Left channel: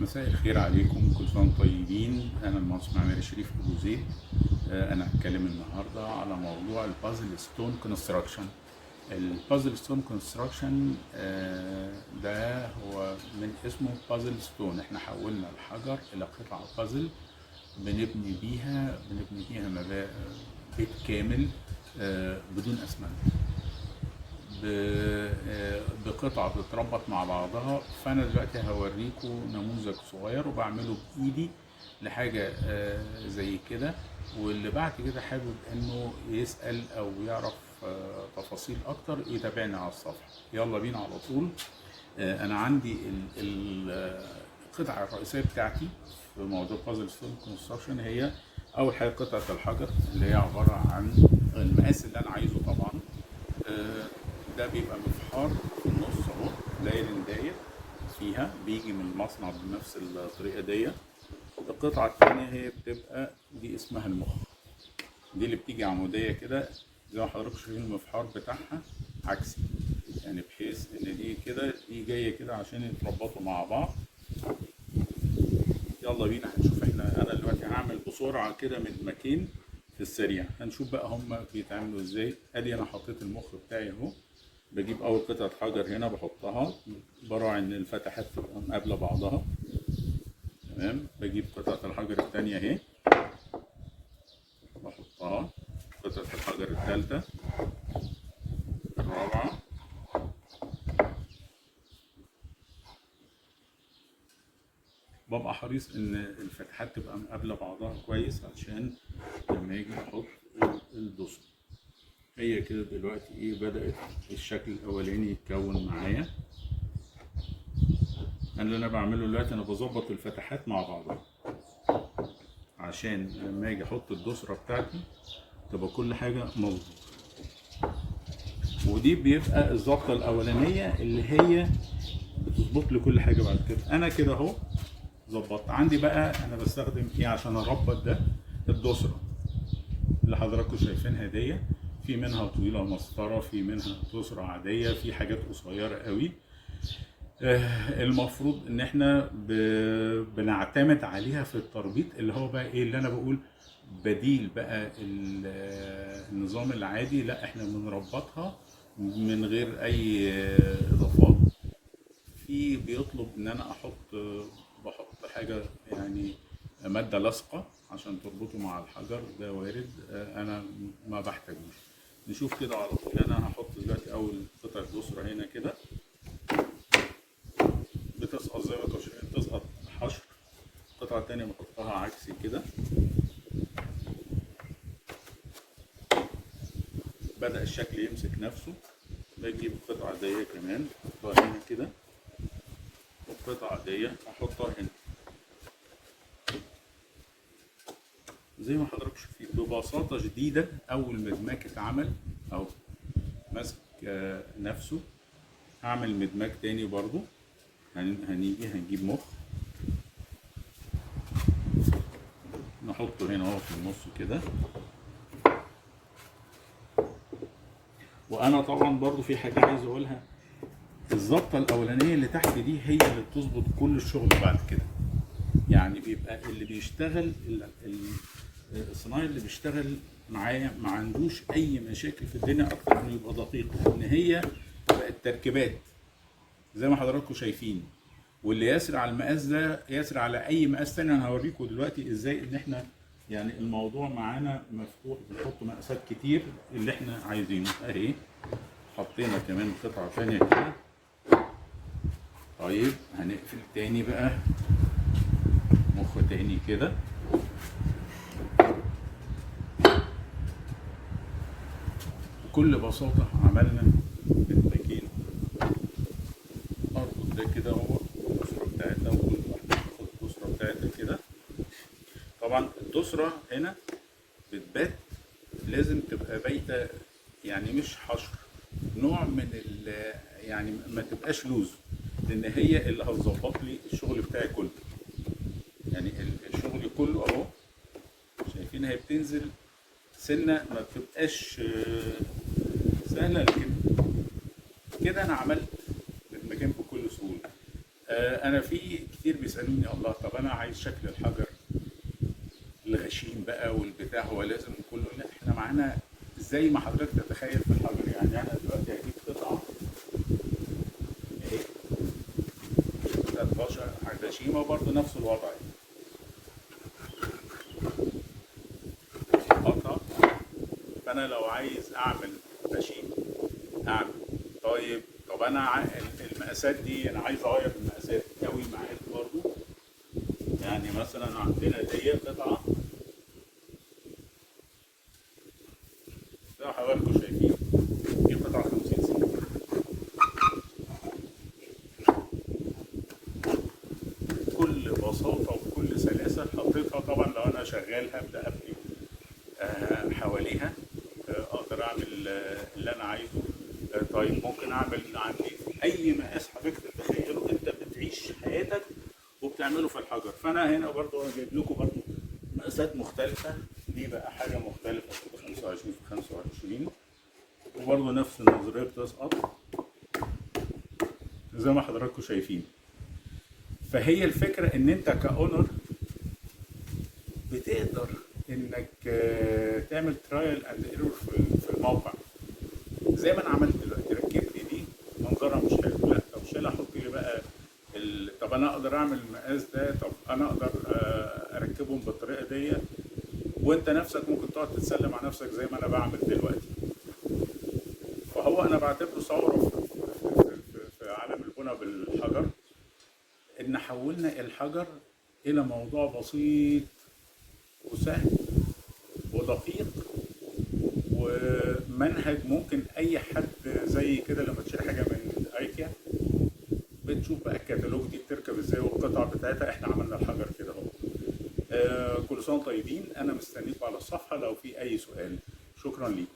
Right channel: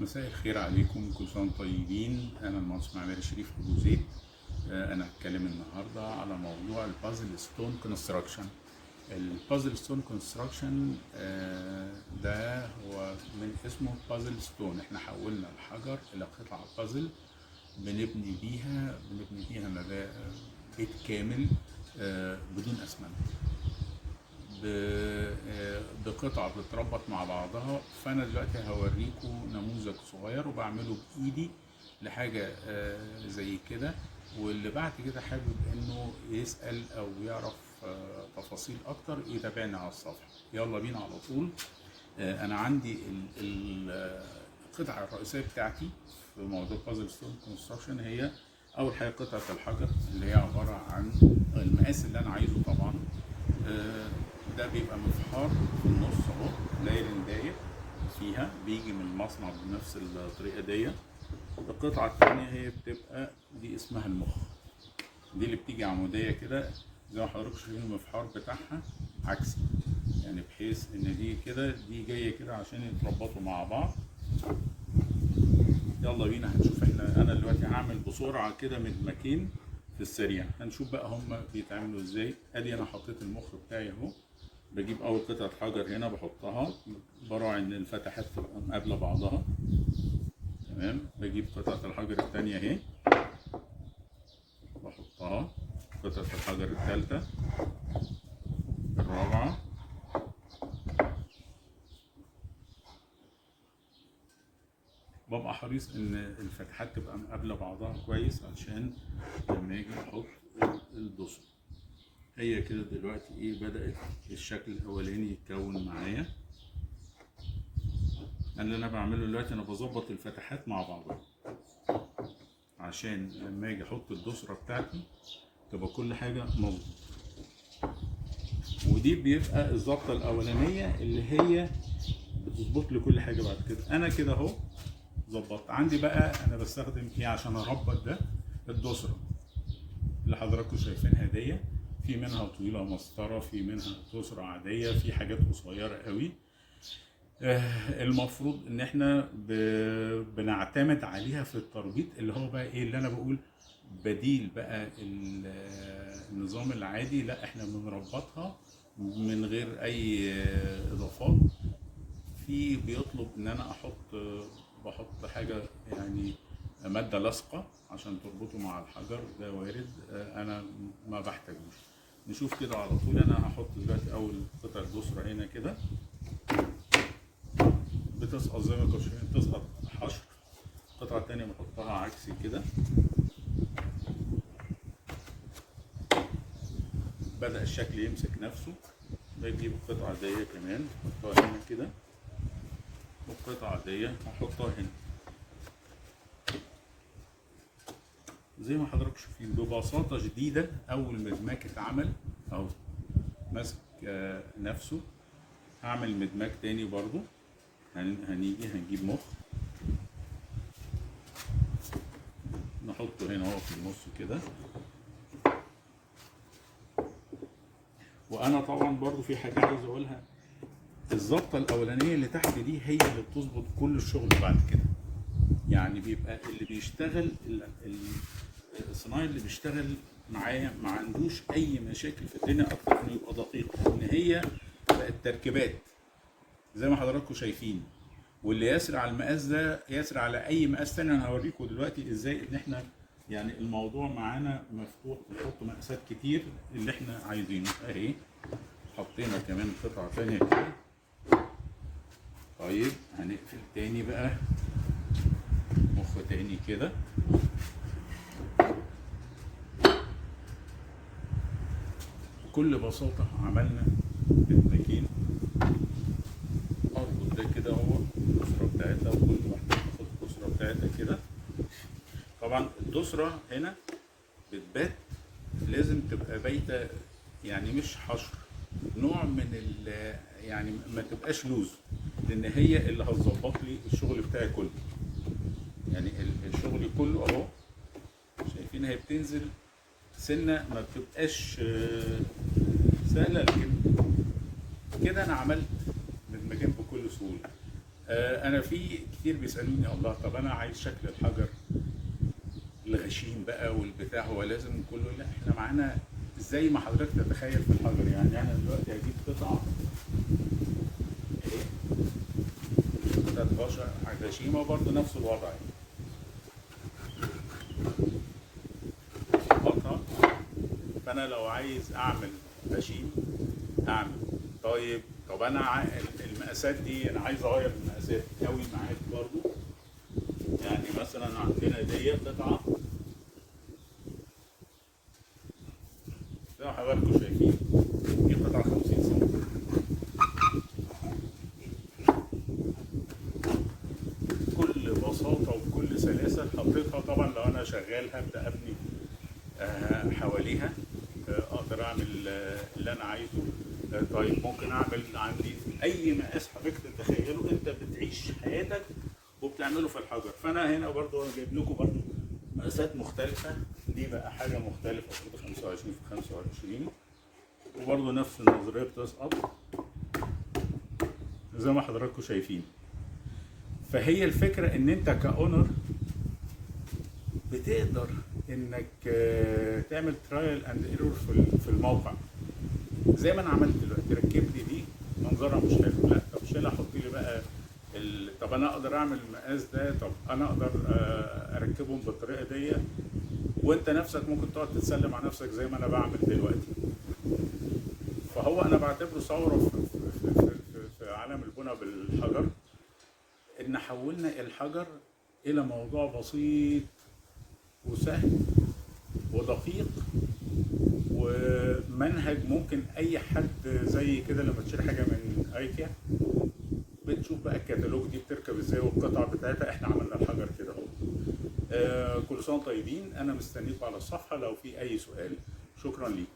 مساء الخير عليكم، كل سنة وانتم طيبين. أنا المهندس معماري شريف أبو زيد. أنا هتكلم النهاردة على موضوع البازل ستون كونستراكشن. البازل ستون كونستراكشن ده هو من اسمه بازل ستون. احنا حولنا الحجر إلى قطع بازل بنبني بيها بيت كامل بدون أسمنت، بقطعة بتتربط مع بعضها. فأنا دلوقتي هوريكم نموذج صغير وبعمله بإيدي لحاجة زي كده، واللي بعد كده حابب إنه يسأل أو يعرف تفاصيل أكتر يتابعني على الصفحة. يلا بينا على طول. أنا عندي القطعة الرئيسية بتاعتي في موضوع بازل ستون كونستراكشن هي أول حاجة قطعة الحجر اللي هي عبارة عن المقاس اللي أنا عايزه طبعا. ده بيبقى مفحار في النص اهو، داير فيها، بيجي من المصنع بنفس الطريقه دي. القطعه الثانيه هي بتبقى دي اسمها المخ، دي اللي بتيجي عموديه كده زي ما حضراتكم شايفين. المفحار بتاعها عكسي، يعني بحيث ان دي كده دي جايه كده عشان يتربطوا مع بعض. يلا بينا هنشوف. انا دلوقتي هعمل بسرعه كده مدمجين في السريع، هنشوف بقى هما بيتعملوا ازاي. ادي انا حطيت المخ بتاعي اهو. بجيب اول قطعه حجر هنا بحطها، براعي ان الفتحات تبقى مقابله بعضها تمام. بجيب قطعه الحجر الثانيه اهي بحطها، قطعه الحجر الثالثه، الرابعه، ببقى حريص ان الفتحات تبقى مقابله بعضها كويس عشان لما يجي احط الدسر. هي كده دلوقتي ايه، بدأت الشكل الاولاني يتكون معايا. اللي انا بعمله دلوقتي انا بظبط الفتحات مع بعضها عشان لما اجي احط الدسرة بتاعتي تبقى كل حاجة مظبوط. ودي بيبقى الظبطة الاولانية اللي هي بتظبط لي كل حاجة بعد كده. انا كده اهو ظبطت. عندي بقى انا بستخدم ايه عشان اربط ده؟ الدسرة اللي حضراتكم شايفينها دي، في منها طويلة مسطرة، في منها دسرة عادية، في حاجات قصيرة قوي. المفروض ان احنا بنعتمد عليها في التربيط، اللي هو بقى ايه اللي انا بقول بديل بقى النظام العادي. لا، احنا بنربطها من غير اي اضافات. في بيطلب ان انا بحط حاجة يعني مادة لاصقة عشان تربطه مع الحجر، ده وارد. انا ما بحتاجوش. نشوف كده على طول. انا هحط دلوقتي اول قطعة دسرة هنا كده، بتسقط زي ما انتم شايفين، بتسقط حشر. القطعة التانية بحطها عكسي كده. بدأ الشكل يمسك نفسه. بجيب القطعة دي كمان احطها هنا كده، والقطعة دي هحطها هنا زي ما حضراتكم شايفين ببساطة شديدة. أول مدماج اتعمل أو ماسك نفسه. هعمل مدماج تاني برضو. هنجيب مخ نحطه هنا اهو في النص كده. وانا طبعا برضو في حاجه عايز اقولها، الظبطه الاولانيه اللي تحت دي هي اللي بتظبط كل الشغل بعد كده. يعني بيبقى اللي بيشتغل الصنايعي اللي بيشتغل معايا ما عندوش اي مشاكل في الدنيا اكتر انه يبقى دقيق، ان هي بقت تركيبات زي ما حضراتكم شايفين. واللي يسري على المقاس ده يسري على اي مقاس تاني. انا هوريكم دلوقتي ازاي ان احنا يعني الموضوع معانا مفتوح، بنحط مقاسات كتير اللي احنا عايزينه. اهي حطينا كمان قطعة تانية كده. طيب هنقفل تاني بقى مخ تاني كده. بكل بساطة عملنا مدمجين. اربط ده كده اهو الدسرة بتاعتها، وكل واحدة تاخد الدسرة بتاعتها كده. طبعا الدسرة هنا بتبات، لازم تبقى بايتة، يعني مش حشر، نوع من يعني ما تبقاش لوز، لان هي اللي هتظبط لي الشغل بتاعي كله. يعني الشغل كله اهو شايفين هي بتنزل سنه، ما بتبقاش سهله، لكن كده انا عملت مكان بكل سهوله. انا في كتير بيسالوني الله طب انا عايز شكل الحجر الغشيم بقى والبتاع، هو لازم كله؟ لا، احنا معانا زي ما حضرتك تتخيل في الحجر. يعني انا دلوقتي هجيب قطعه ايه، قطعه بشر غشيمه برضه نفس الوضع، قطعه. فانا لو عايز اعمل غشيم اعمل. طب انا المقاسات دي انا عايز اغير المقاسات قوي معاك برضه. يعني مثلا عندنا دي قطعه زي ما حضراتكم شايفين، دي قطعه 50 سم. بكل بساطه وبكل سلاسه حطيتها. طبعا لو انا شغال هبدا ابني حواليها، اقدر اعمل اللي انا عايزه. طيب ممكن اعمل عندي اي مقاس حضرتك تتخيله، انت بتعيش حياتك وبتعمله في الحجر. فانا هنا برضو انا جايب لكم برضو مقاسات مختلفه. دي بقى حاجه مختلفه برضو 25 في 25، وبرضو نفس النظريه بتسقط زي ما حضراتكم شايفين. فهي الفكره ان انت كاونر بتقدر انك تعمل ترايل اند ايرور في الموقع زي ما انا عملت دلوقتي. ركب لي دي منظرها مش حلو، لا طب شيلها حط لي بقى طب انا اقدر اعمل المقاس ده، طب انا اقدر اركبهم بالطريقه دي. وانت نفسك ممكن تقعد تتسلم على نفسك زي ما انا بعمل دلوقتي. فهو انا بعتبره ثوره في عالم البناء بالحجر، ان حولنا الحجر الى موضوع بسيط وسهل ودقيق، ومنهج ممكن اي حد زي كده لما تشتري حاجه من ايكيا بتشوف بقى الكتالوج دي بتركب ازاي والقطع بتاعتها. احنا عملنا الحجر كده اهو. كل سنه طيبين. انا مستنيكم على الصفحه لو في اي سؤال. شكرا ليكم.